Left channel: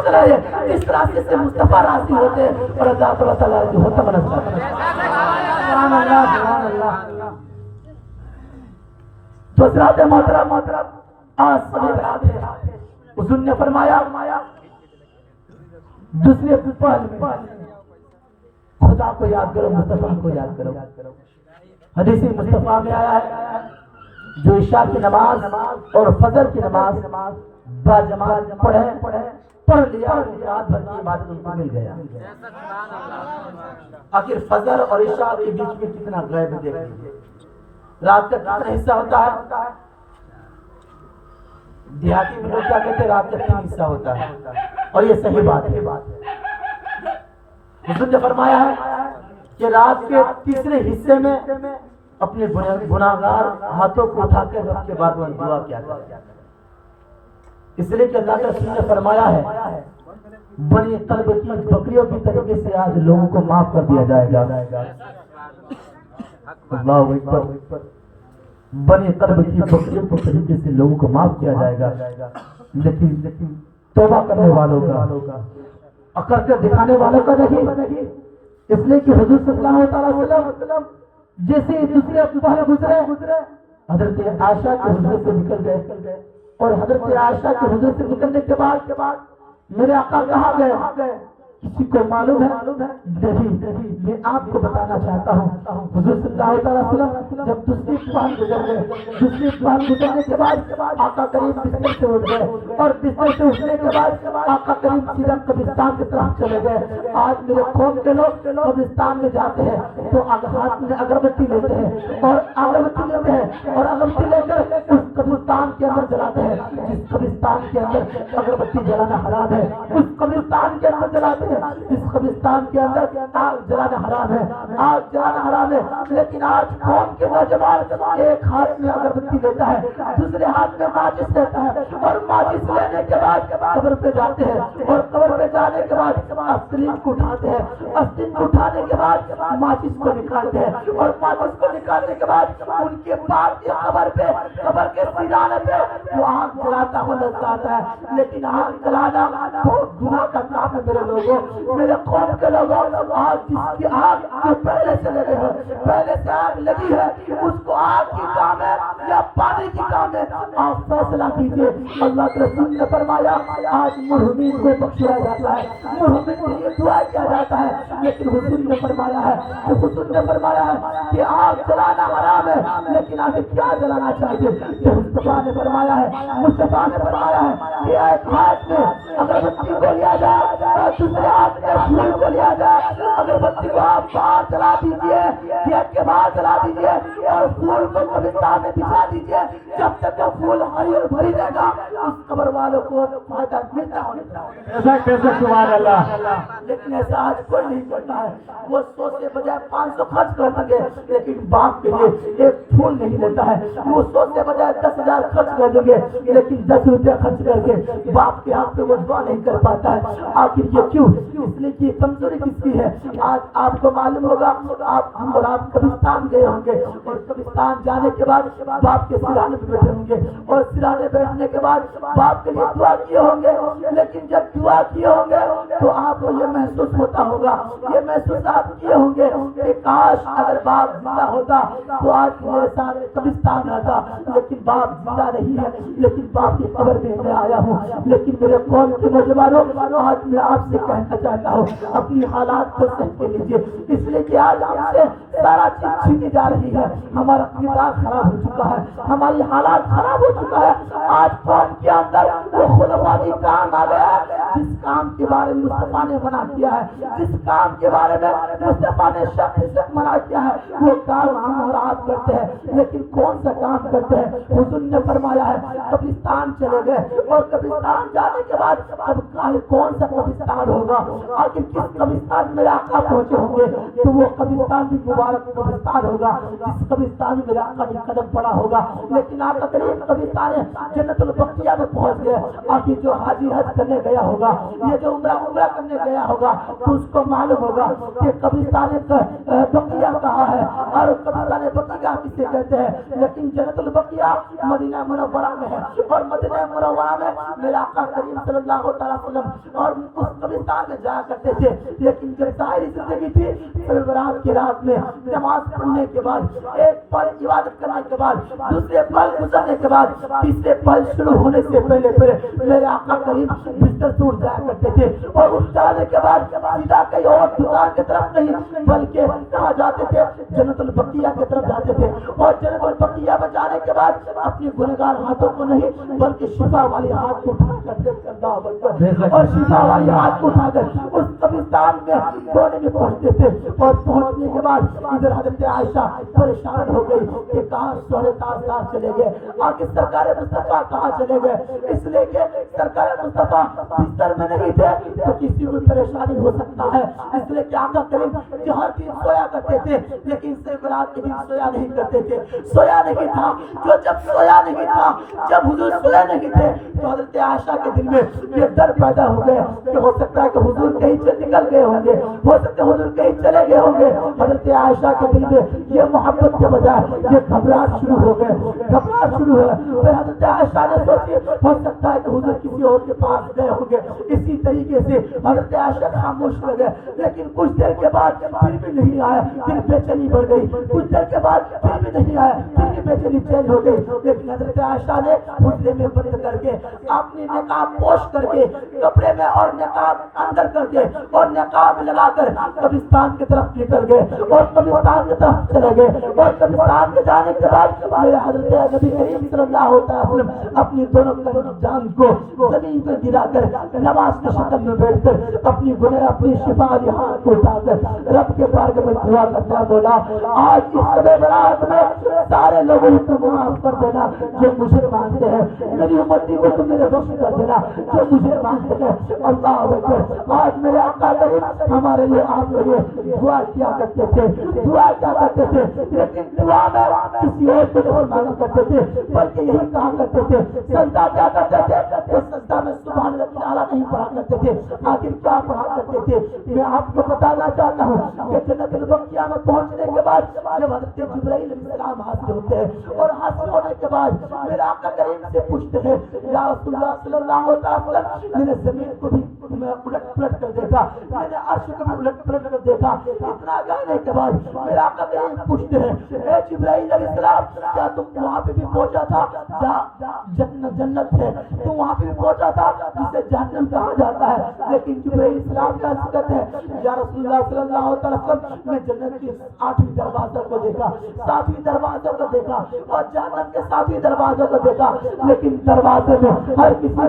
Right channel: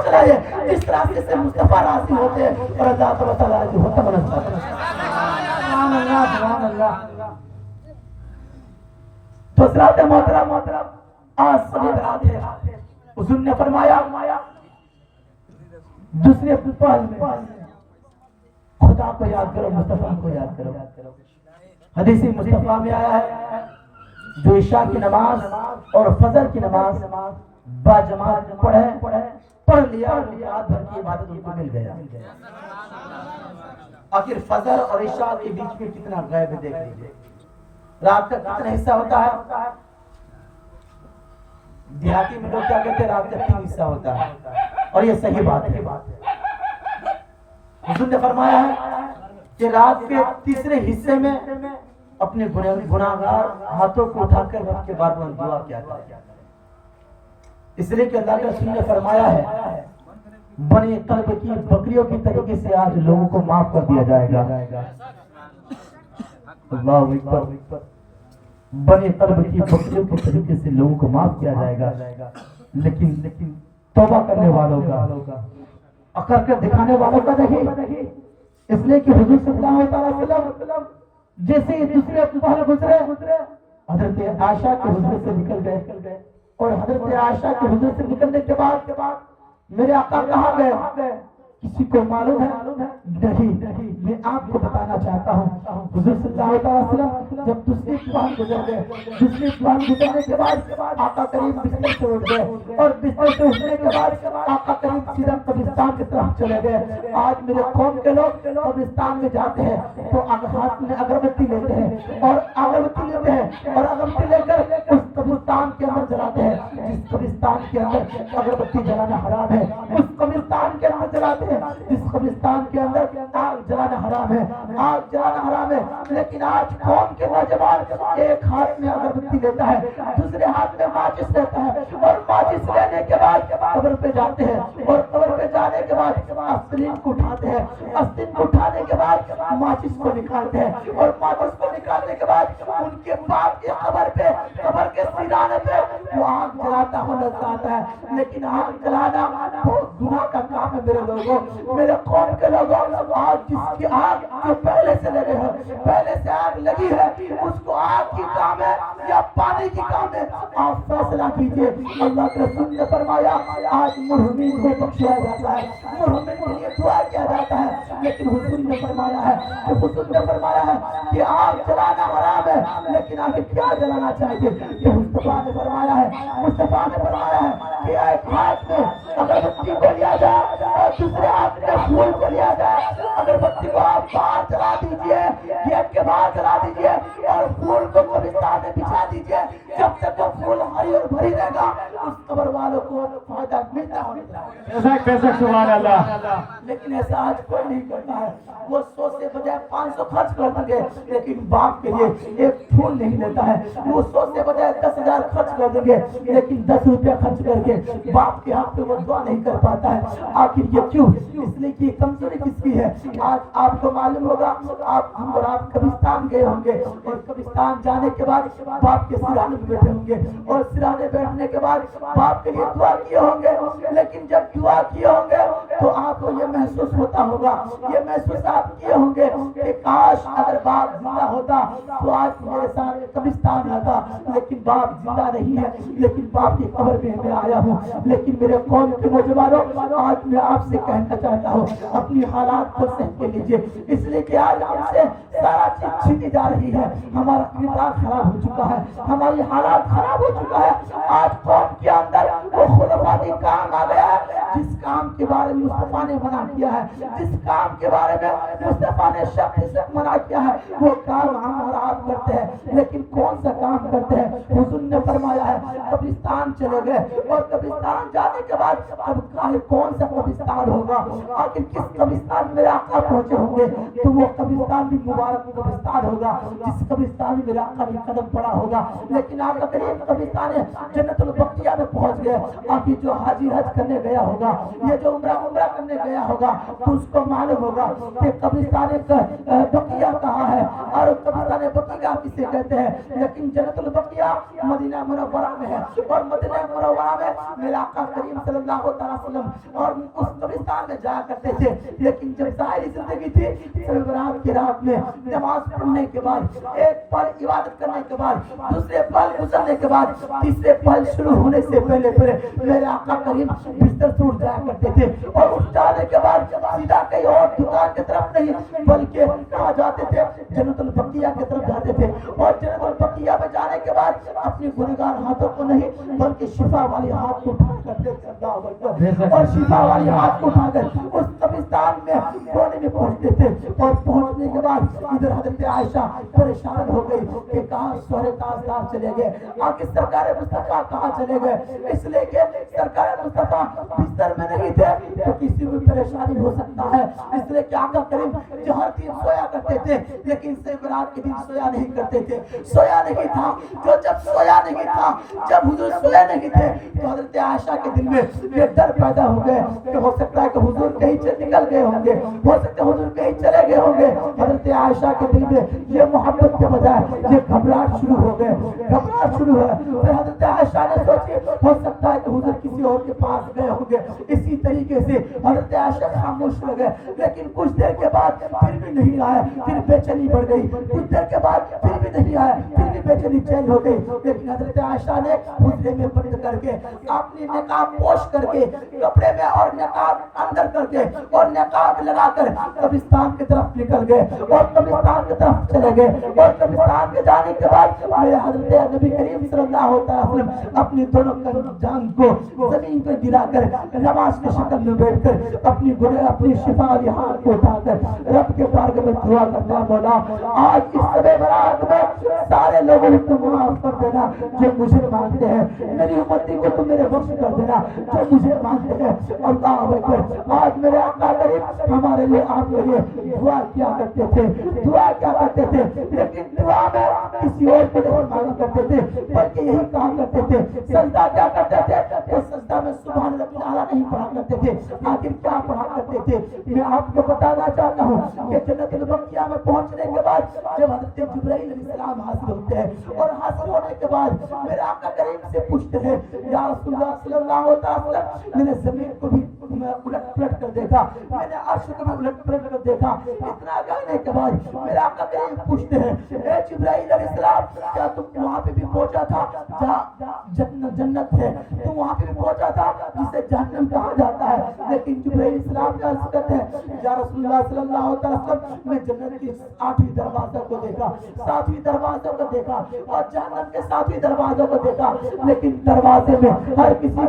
سوچ رہے ہیں اس راستے سے مصطفیٰ راضی ہوتے اور اللہ تعالیٰ جو ہوتا بنتا ہے. سبحان اللہ سبحان اللہ. دوسرا محترم آج سبھی برات ہے. حضور نے فرمایا دوسرے پہل میں خدا کو یاد کرو, مصطفیٰ کو یاد کرو. حدیث مصطفیٰ میں آیا ہے جو عشاء کی نماز اور فجر کی نماز با جماعت پڑھ لیا رات بھر کی عبادت کو مل گیا. آخر فجر اور عشاء کے بیچ میں کتنا غیب دیکھ لیجیے. رات تک کتنا حصہ ہوتا ہے؟ دیہاتی میں لوگ کیا کہتے ہیں رات تک 3 حصہ ہوتا ہے, اور یہ صحیح بات ہے. حضور نے فرمایا ہے کہ رات کے تیسرے حصے میں اپنے گناہگار ہاتھوں کو اٹھا کر رب کے بارگاہ میں دعا کیا کرے. اس لیے کہ اللہ کے رسول نے فرمایا ہے بنی قلب کی بکریوں کی طریقے سے آج لوگوں کو معاف کر دیا جائے گا. اللہ اکبر. بنی قلب کی بکریوں کے طریقے سے لوگوں کو معاف کیا جائے گا, لیکن توبہ کرنے والوں کا, اکر کر دکھانے والوں کا نہیں. اس لیے کہ حضور صلی اللہ علیہ وسلم جیسے دوسرے پہلے گزرے حضرت عائشہ کے حضور سے نکل گئے, اور حضرت عائشہ کے حضور سے نکلنے کے بعد میرے آقا کہاں گئے کسی کو معلوم ہے؟ نہیں. میں آپ کو بتانا چاہتا ہوں حضور صلی اللہ علیہ وسلم جب دوسری پہل گزر گئے, دوسری پہل گزرنے کے بعد آقا کریم بستر سے اٹھ گئے, اور بستر سے اٹھنے کے بعد آقا کریم سیدھا قبرستان کی طرف چلے گئے. آج میرے قوم کے لوگ قبرستان میں جاتے ہیں تو ہاتھ میں اگربتی لیتے ہیں اور اگربتی لے کر اس قبرستان کے اندر جلاتے ہیں. جس قبرستان کے اندر اگربتی جلانا حرام ہے اس قبرستان کے اندر جلاتے ہیں. جس قبرستان کے اندر آگ جلانا حرام ہے, لیکن آج قوم کے نوجوان ایک ہاتھ میں اگربتی لیتا ہے, دوسرے ہاتھ میں ماچس لیتا ہے, اور ماچس لینے کے بعد قبر پہ جاتے ہیں, اور قبر پہ جانے کے بعد آستین کو اٹھاتے ہیں, آستین کو اٹھانے کے بعد ماچس کو نکالتے ہیں, اور ماچس کو نکالنے کے بعد ان کے باپ کی قبر کے سیرانے پہ وہ آگ جلاتا ہوا نظر آتا ہے. لیکن آگ جلانا بہت گناہ کا کام ہے میرے لوگوں, میرے قوم کے لوگوں. آج جس کی آگ جو پہلے سے لگے ہیں, پہلے سے آگ لگی ہے, اس کو آگ کی کام ہے یا پانی کی کام ہے, آپ فیصلہ کیجئے. اللہ کے رسول نے فرمایا آج مرحومین کو بخشا جاتا ہے, مرحومین کے لیے دعا کیا جاتا ہے, لیکن حضور نے فرمایا ہے کہ آگ جلانا حرام ہے, لیکن آگے کیا جلانا چاہیے؟ کہ مصطفیٰ نے فرمایا ہے کہ ایک ہاتھ میں اگربتی کو لیا جائے اور دوسرے ہاتھ میں پھول کو لیا جائے. اگربتی کو آپ باہر چلا دیجیے, گیٹ کے باہر چلا دیجیے, اور پھول کو قبرستان میں بچھا دیجیے. جب تک وہ پھول ہری اور بھری رہے گا اس قبر والوں کو فائدہ ملتا ہوگا. سبحان اللہ. لیکن ایسا آج کوئی نہیں کرتا ہے. وہ 100 سے بجائے 500 خرچ کر دیں گے, لیکن باپ کے لیے ایک پھول نہیں لیتا ہے. وہ 100 سے بجائے 10,000 خرچ کر دیں گے, لیکن 10 روپیہ خرچ کر کے باپ کے ہاتھ پہ وہ دعا نہیں کر پاتا ہے. آخر یہ کیوں؟ اس لیے کہ کمزوری کس کی ہے. آج آپ کو معلوم ہوگا آپ قبرستان گئے ہوں گے, اور قبرستان جانے کے بعد باپ کے سرانے میں بیٹھے ہوں گے, اور سرانے بیٹھنے کے بعد باپ کے لیے دعا کیے ہوں گے. لیکن جب دعا کیے ہوں گے تو آپ کو یہ محسوس ہوتا ہوگا, یہ محسوس آپ کیے ہوں گے کہ کاش اگر باپ زندہ ہوتا تو آج میرے ساتھ قبرستان آتا. لیکن باپ زندہ نہیں ہے, لیکن باپ کی قبر میں میں آیا ہوں. لیکن میرے قوم کے نوجوانوں, آج میں آپ سے کہنا چاہتا ہوں اپنی حالات کو صحیح کر لیجیے. اس لیے کہ آج ہم سے سارا چیز چھینی جا رہی ہے, ہمارا کردار خراب ہو چکا ہے, ہماری حالات خراب ہو چکا ہے. آج قوم کے اندر وہ خلافاتی کام آ گیا ہے جس کام کے بارے میں مصطفیٰ نے منع کیا ہے, جس کام کے بارے میں مصطفیٰ نے شخص منع کیا ہے, وہ کام ہم اور آپ کرتے ہیں. لیکن کون سا کام کرتے ہیں؟ حضور نے فرمایا ہے قبرستان چلے گئے, اور قبرستان جانے کے بعد کون سا قبرستان ہوگا؟ آخر کس قبرستان میں آقا پہنچے ہوں گے تو وہ قبرستان بھی مبارک قبرستان ہوگا جس قبرستان میں میرا آقا کا قدم پڑا ہوگا. لیکن آقا کریم قبرستان جنت البقیہ میں پہنچ گئے. آخر جو حاجی حج کرنے گیا ہوگا, یہ جو عمرہ کرنے گیا ہوگا تو اس کو معلوم ہوگا کہ قبرستان بقیہ کہاں ہے اور قبرستان بقیہ کسے کہتے ہیں. لیکن جنت البقیہ مدینہ منورہ میں ہے اور مدینہ منورہ میں میرے آقا کریم صلی اللہ علیہ وسلم اور اس قبرستان میں جایا کرتے تھے. لیکن جب ظاہری زندگی تھی شب برات کی رات میں نماز پڑھنے کے بعد ایک پل عبادت کرنے کے بعد دوسرے پل گزرنے کے بعد تیسرے پل شروع ہونے سے پہلے میرے آقا کریم بستر سے اٹھ جایا کرتے تھے اور اٹھ جانے کے بعد سیدھا کہیں اور دکان کی طرف نہیں بلکہ کہاں جاتے تھے جنت البقیہ کی طرف جاتے تھے اور جنت البقیہ میں جانے کے بعد اپنی گنہگار ہاتھوں کو نہیں بلکہ شفا والی ہاتھ کو اٹھا کرتے تھے اور شفا والی ہاتھ کو اٹھا کر اس قبرستان میں کونے میں پہنچتے تھے اور پہنچنے کے بعد ادھر حضرت عائشہ پریشان ہو گئی کہ کہاں شوہر تاجدار چلے گئے آخر سرکار مصطفیٰ کہاں چلے گئے. اس لیے کہ سرکار مصطفیٰ بستر میں نہیں تھے تو کسی کو پریشانی ہو سکتا ہے. اس لیے کہ آقا کریم جہاں دن سویا کرتے تھے لیکن شب برات کے دن سویا نہیں کرتے تھے. سویا نہیں تھا جو جب سویا نہیں تھا جب حضور سویا نہیں تھے تو حضرت عائشہ کے دل میں یہ ڈر پیدا ہو گئے کہ ہو سکتا ہے کہ حضور کہیں سے نکل گئے ہوں گے ہو سکتا ہے حضور کہیں چلے گئے ہوں گے. حضرت عائشہ کے دل میں یہ محبت کے بجائے یہ گھبراہٹ شروع ہو گئے گھبراہٹ شروع ہے. پھر حضرت عائشہ نے سوچی ہو سکتا ہے کہ حضور کسی اور کے پاس گئے ہوں گے. اسی طریقے سے حضرت عائشہ خاموش ہو گئے لیکن کچھ دیر کے بعد پھر بھی نہیں آیا. پھر بے چینی بڑھ گئی کچھ دیر کے بعد پھر بھی نہیں آیا پھر بھی بے چینی چینج ہو گئی. لیکن حضرت عائشہ نے حجرے میں بند کر کے اپنی نقاب پوش کر کے کپڑے میں اور نقاب اندر کر کے اور نقاب لگا کر قبرستان کی طرف نکل گئے اور قبرستان کی طرف چلے گئے. اور قبرستان کے جانے کے بعد میرے حضرت نبی کریم صلی اللہ علیہ وسلم اپنی دونوں جان کو زمین پر گرا کر نماز کی شکل میں بیٹھ کر اپنی شفا والی ہاتھ کو اٹھا کر رب کے بارگاہ میں دعا کرتا ہے مولا آج اس شب برات میں سارے لوگوں کو معاف کر دینا جو مجھے مانتے ہیں. میری امتی کو تو میرے بخش کر دینا جو مجھے مانتے ہیں. اللہ اکبر. آج میرے آقا کریم ہمارے لیے آپ کے لیے دعا کیا کرتے تھے دعا کیا کرتے تھے لیکن دعا میں کسی اور کو نہیں مانگا کرتے تھے بلکہ یہی کہا کرتے تھے. سجدہ کیا کرتے تھے تو سجدہ میں سبحان اللہ تعالیٰ نہیں پڑھا کرتے تھے. آخر کیا پڑھا کرتے تھے میں آپ کو بتانا چاہتا ہوں کہ جنت البقیہ میں پہنچنے کے بعد جب حضرت جبرائیل علیہ السلام حاضر ہوتے ہیں اور حاضر ہونے کے بعد میرے آقا کریم سے پوچھتے ہیں یا رسول اللہ صلی اللہ علیہ وسلم میں نے زمین کو بھی الٹ پلٹ کر دیکھا میں نے عرش کو بھی الٹ پلٹ کر دیکھا. اتنا کہنے کے بعد میرے آقا کریم پوچھتے ہیں اے جبرائیل علیہ السلام کیا تم وہاں پہ بھی پہنچا تھا جہاں جنت ہے تم وہاں پہ بھی پہنچا تھا جسے جہنم کہا جاتا ہے. لیکن جبرائیل السلام کا حقیقت ہے یا رسول اللہ صلی اللہ علیہ وسلم میں جنت کی 8ویں دروازہ کو دیکھا 7ویں دروازہ کو دیکھا اور جہنم کے 7ویں دروازہ کو دیکھا. لیکن دروازے میں ہر کسی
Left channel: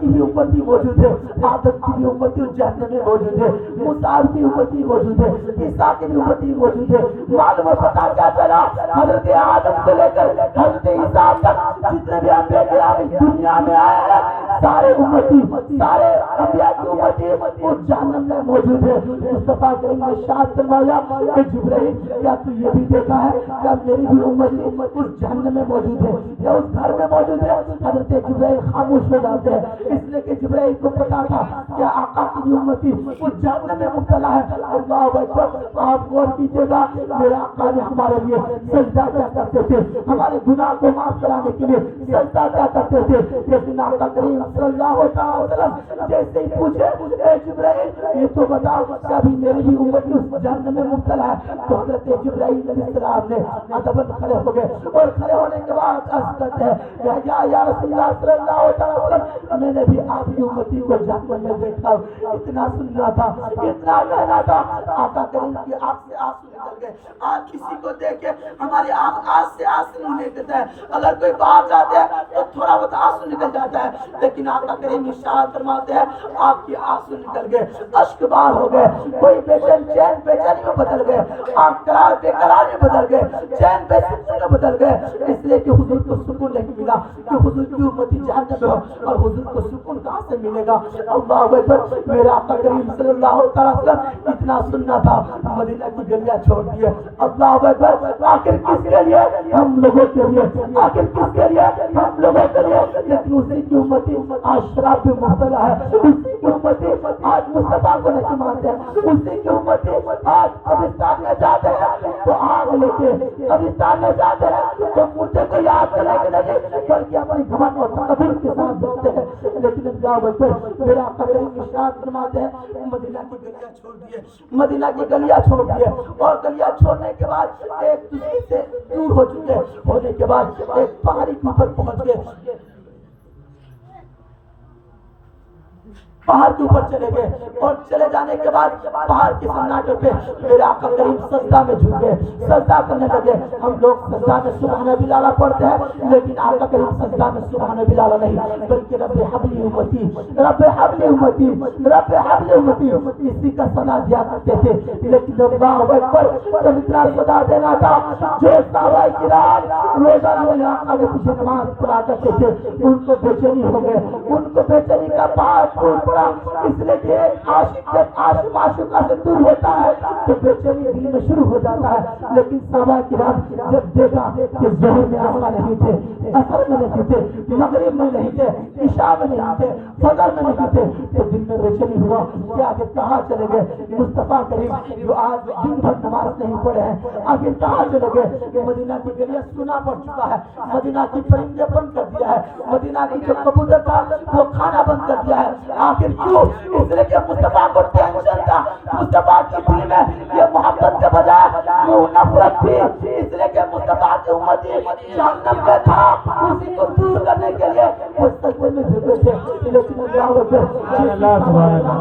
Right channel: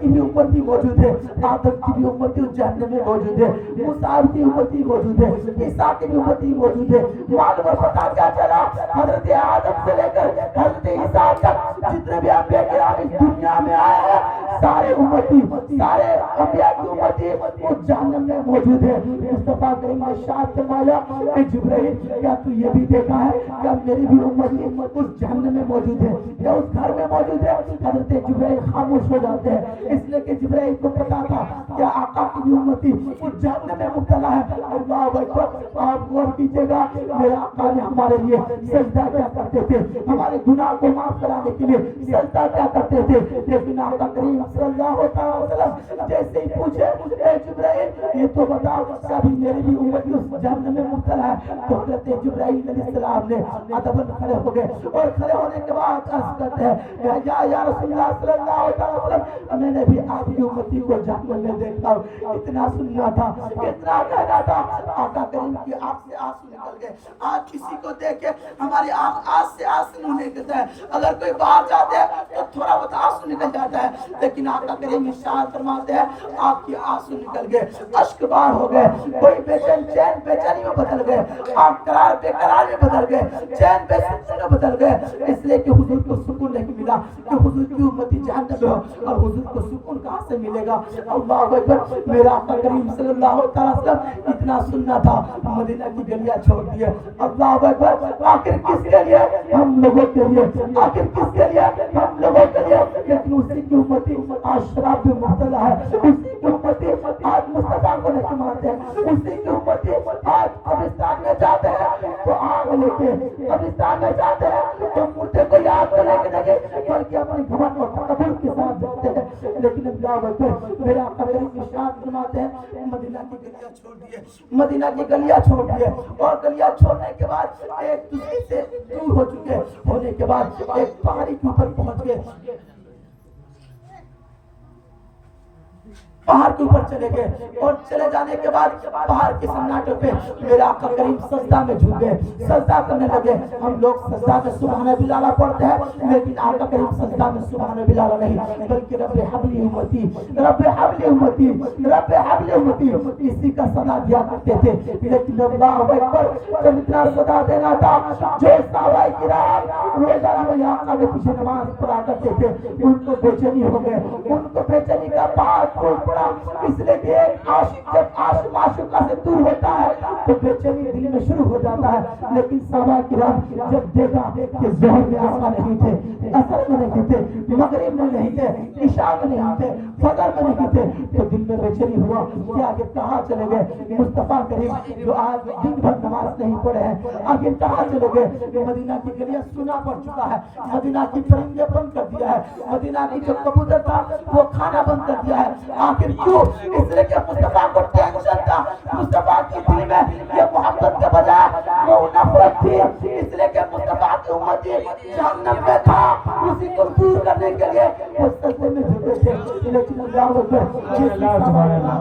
کی بھی امتی موجود ہے. آدم کی بھی امتی اس جہنم میں موجود ہے. موسیٰ کی امتی موجود ہے. عیسیٰ کی بھی امتی موجود ہے. معلوم اور پتہ کیا چلا حضرت آدم سے لے کر حضرت عیسیٰ تک جتنے بھی انبیاء کرام اس دنیا میں آئے ہیں سارے امتی سارے انبیاء کی امتی اس جہنم میں موجود ہے. مصطفیٰ کریم نے ارشاد فرمایا کہ جبرائیل کیا تو یہ بھی دیکھا ہے کہ میری بھی امتی اس جہنم میں موجود ہے یا اس گھر میں موجود ہے. حضرت جبرائیل خاموش ہو جاتے ہیں اس لیے کہ جبرائیل کو پتا تھا کہ آقا کی بھی امتی اس جہنم میں مبتلا ہے. اللہ اکبر. آپ غور کیجیے گا میرے آقا نے ہمارے لیے سجدہ کیا کرتے تھے ہمارے گناہ کو معاف کرانے کے لیے سجدہ کیا کرتے تھے. لیکن آقا کریم صلی اللہ علیہ وسلم جیسے ہی پوچھے اے جبرائیل یہ تو بتا کہ ابھی میری بھی امتی اس جہنم میں مبتلا ہے تو حضرت جبرائیل علیہ السلام نے ادباً کھڑے ہو گئے اور کھڑے ہونے کے بعد عرض کرتے ہیں یا رسول اللہ صلی اللہ علیہ وسلم میں نے بھی آپ کی امتی کو جہنم میں دیکھا. اتنا سننا تھا اتنا کہنا تھا. آقا کریم کی آنکھ سے آنسو نکل گئے. آج کسی کو دیکھ کے ہماری آنکھ سے آنسو نکلتا ہے. اگر کوئی باہر جاتے ہیں تو تھوڑا بہت آنسو نکل جاتا ہے لیکن آقا کریم ارشاد فرماتے ہیں آپ کی آنسو نکل گئے اشک بار ہو گئے. کوئی بے چین بے چینی میں بدل گئے آپ قرار بے قرار میں بدل گئے چین بے سکون میں بدل گئے. اس لیے کہ حضور کو سکون نہیں ملا کہ حضور کی امتی جہنم میں اور حضور کو سکون کہاں سے ملے گا. اللہ اکبر. میرا آقا کریم صلی اللہ علیہ وسلم اتنا سننا تھا مدینہ کی گلیاں چھوڑ دیے. اللہ اکبر. آخر کس کے لیے؟ ہم لوگوں کے لیے. آخر کس کے لیے؟ ہم لوگوں کے لیے. لیکن اسی کی امتی آج شراب میں مبتلا ہے. اسی کی امتی آج مصطفیٰ کو نہیں مانتے ہیں. اسی کی امتی آج قبرستان میں جاتے ہیں تو آگ لے کے, قبرستان میں جاتے ہیں تو مردے کو یاد کرنے کے نہیں بلکہ اپنی گھمنڈ اور تکبر کے ساتھ جاتے ہیں. لیکن اللہ اکبر. میرا قدر نشان فرماتے ہیں مدینہ کی گلیاں چھوڑ دیے. مدینہ کی گلیاں چھوڑ دیے اور گلیاں چھوڑنے کے بعد ایک دوسرے سے دور ہو چکے ہونے کے بعد ایک پہاڑی کے اوپر پہنچ گئے. پہاڑ کے اوپر چلے گئے اور چلے جانے کے بعد پہاڑ کے سناٹے پہ میرے آقا کریم سجدہ میں جھک گئے, سجدہ کرنے لگے. ہم لوگ سجدہ میں سبحان بلالہ پڑھتے ہیں لیکن آقا کریم سجدہ میں سبحان بلالہ نہیں بلکہ رب حبلی امتی, رب حبلی امتی, رب حبلی امتی اسی کا صدا دیا کرتے تھے. لیکن اللہ اکبر جب اتنا صدا دینا تھا جو صحابہ کرام روزانہ میرے آقا کے پیچھے نماز پڑھا کرتے تھے ان کو بے چینی ہو گئے. ان کو بے چینی کا پہاڑ پھوٹ پڑا. اس لیے کہ عاشق جب عاشق معشوقہ سے دور ہوتا ہے تو بے چینی دل میں شروع ہو جاتا ہے. لیکن صحابہ کرام جب دیکھا کہ ظہر میں اثر نہیں تھے, اثر میں نہیں تھے, مغرب میں نہیں تھے, عشاء میں نہیں تھے, فجر میں نہیں تھے تو دل میں بے چینی ہوا کہ آگے کہاں چلے گئے مصطفیٰ کریم جو آج دن بھر نماز نہیں پڑھے ہیں, آگے کہاں چلے گئے. مدینہ کی گلیاں سنا پڑ چکا ہے, مدینہ کی پرندے بند کر دیا ہے, مدینہ کی جو کبوتر تھا وہ کھانا بند کر دیا ہے. آخر کیوں؟ اس لیے کہ مصطفیٰ کو ٹینشن تھا. مصطفیٰ کی دل میں یہ محبت کے بجائے وہ نفرت تھی. اس لیے کہ مصطفیٰ کی امتی جہنم میں تھا, اسی کو دور کرنے کے لیے وہ سجدے میں جھکے تھے. لیکن اللہ اکبر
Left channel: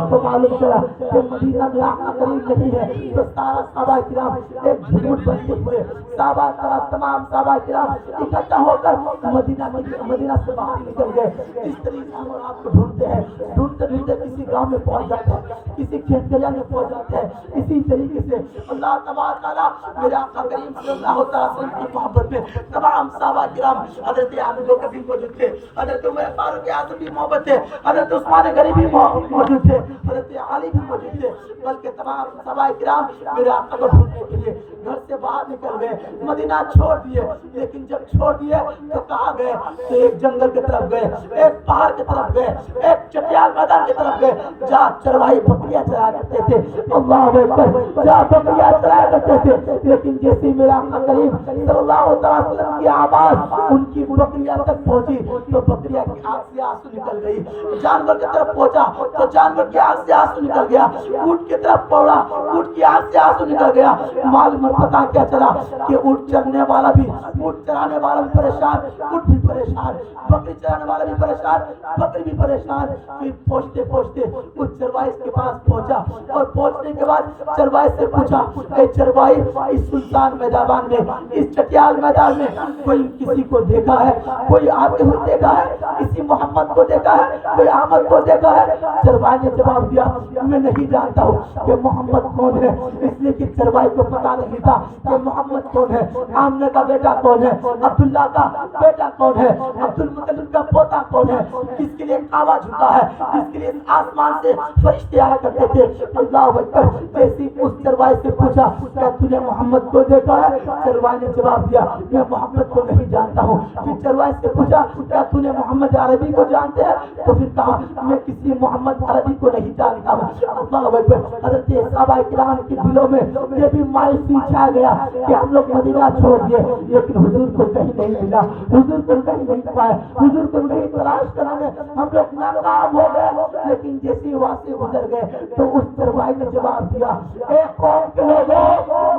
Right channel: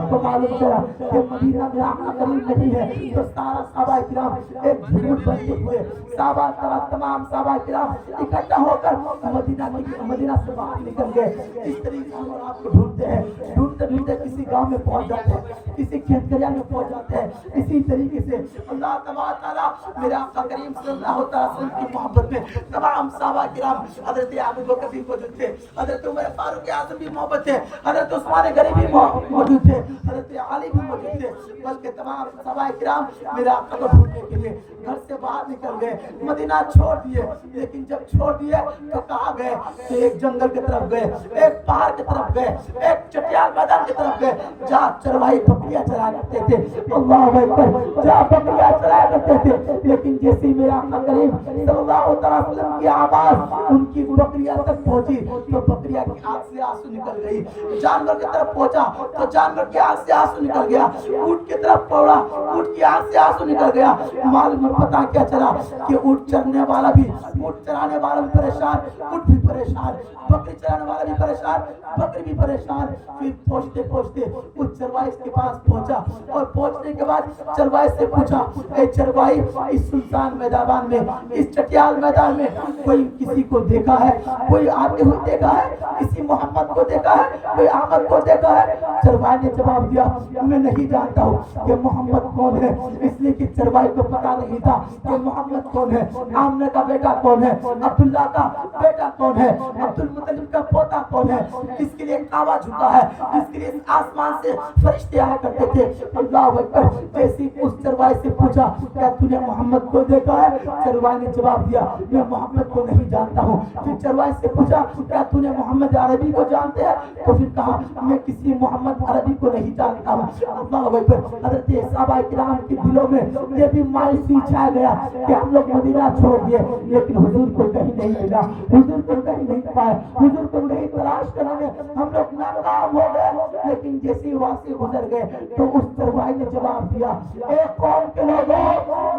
کو معلوم چلا کہ مدینہ میں آقا کریم نہیں ہے تو سارا صحابہ کرام ایک جھوٹ بنتے ہوئے تمام صحابہ کرام اکٹھا ہو کر مدینہ سے باہر نکل گئے. اس طریقے سے آپ کو ڈھونڈتے ہیں, ڈھونڈتے ڈھونڈتے کسی گاؤں میں پہنچ جاتے ہیں, کسی کھیت کھلیان میں پہنچ جاتے ہیں. اسی طریقے سے اللہ تبارک تعالیٰ میرے آقا کریم صلی اللہ علیہ وسلم کی محبت میں تمام صحابہ کرام حضرت ابو بکر بھی موجود تھے, حضرت عمر فاروق اعظم بھی موجود تھے, حضرت عثمان غنی بھی موجود تھے, حضرت علی بھی موجود تھے. بلکہ تمام صحابہ کرام میرے آقا کو ڈھونڈنے کے لیے گھر سے باہر نکل گئے, مدینہ چھوڑ دیے. لیکن جب چھوڑ دیے تو کہاں گئے؟ تو ایک جنگل کی طرف گئے, ایک پہاڑ کی طرف گئے, ایک چٹیال میدان کی طرف گئے جہاں چرواہی بکریاں چرایا کرتے تھے. اللہ اکبر, جہاں بکریاں چرایا کرتے تھے. لیکن جیسے میرا آقا کریم صلی اللہ علیہ وسلم کی آواز ان کی بکریاں تک پہنچی تو بکریاں کی آنکھ سے آنسو نکل گئی. جانور کی طرف پہنچا تو جانور کی آنکھ سے آنسو نکل گیا. اونٹ کی طرف پڑا, اونٹ کی آنکھ سے آنسو نکل گیا. معلوم پتہ کیا چلا کہ اونٹ چرنے والا بھی, اونٹ چرانے والا بھی پریشان, اونٹ بھی پریشان, بکری چرانے والا بھی پریشان, بکری بھی پریشان. پھر پہنچتے پہنچتے اس چرواہے کے پاس پہنچا اور پہنچنے کے بعد چرواہے سے پوچھا, اے چرواہی اس سلطان میدان میں, اس چٹیال میدان میں کوئی کسی کو دیکھا ہے, کوئی آتے ہوئے دیکھا ہے, کسی محمد کو دیکھا ہے, کوئی احمد کو دیکھا ہے؟ چرواہے نے جواب دیا میں نہیں جانتا ہوں کہ محمد کون ہے. اس لیے کہ چرواہے کو پتا نہیں تھا کہ محمد کون ہے, آمنہ کا بیٹا کون ہے, عبداللہ کا بیٹا کون ہے, عبد المطلب کا پوتا کون ہے, کس کے لیے کعبہ جھکا ہے, جس کے لیے آسمان سے فرشتے آیا کرتے تھے. اللہ اکبر. جیسے اس چرواہے سے پوچھا کیا تو نے محمد کو دیکھا ہے؟ چرواہے نے جواب دیا میں محمد کو نہیں جانتا ہوں. پھر چرواہے سے پوچھا کیا تو نے محمد عربی کو جانتے ہیں؟ تو پھر کہا میں کسی محمد عربی کو نہیں جانتا ہوں. اللہ اکبر. حضرت صحابہ کرام کے دلوں میں یہ بھی مایوسی چھا گیا کہ ہم لوگ مدینہ چھوڑ دیے لیکن حضور کو کہیں نہیں ملا, حضور کو کہیں نہیں پائے, حضور کو نہیں تلاش کرنے میں ہم لوگ ناکام ہو گئے. لیکن جیسے وہاں سے گزر گئے تو اس چرواہے نے جواب دیا اے قوم کے لوگوں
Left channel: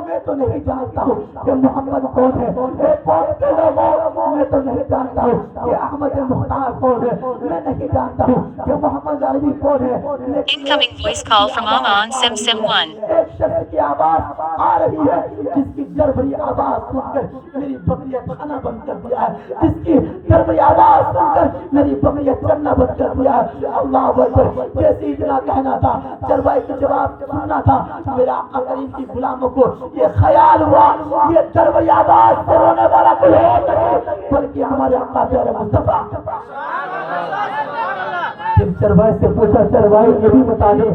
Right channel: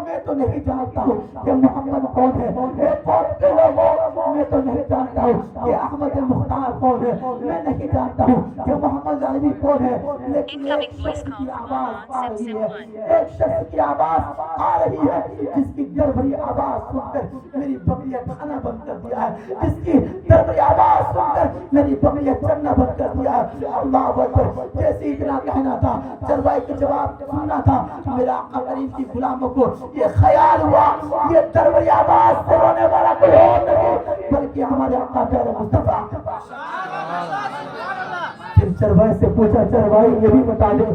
میں تو نہیں جانتا ہوں کہ محمد کون ہے, اے قوم کے لوگوں میں تو نہیں جانتا ہوں کہ احمد مختار کون ہے, میں نہیں جانتا ہوں کہ محمد عربی کون ہے. Incoming voice call from Aman Sim1. ایک شخص کی آواز آ رہی ہے جس کی جربری آواز سن کر میری بکریاں کھانا بند کر دیا ہے, جس کی جربری آواز سن کر میری بکریاں چرنا بند کر دیا ہے. اللہ اکبر. جیسے اتنا کہنا تھا, چرواہے کا جواب سننا تھا, میرا آقا کریم کی غلاموں کو یہ خیال ہوا یہ جربری آواز سے رونے والا کوئی اور نہیں بلکہ ہمارے آقا پیارے مصطفیٰ. چرواہے سے پوچھا چرواہے یہ بھی بتا دے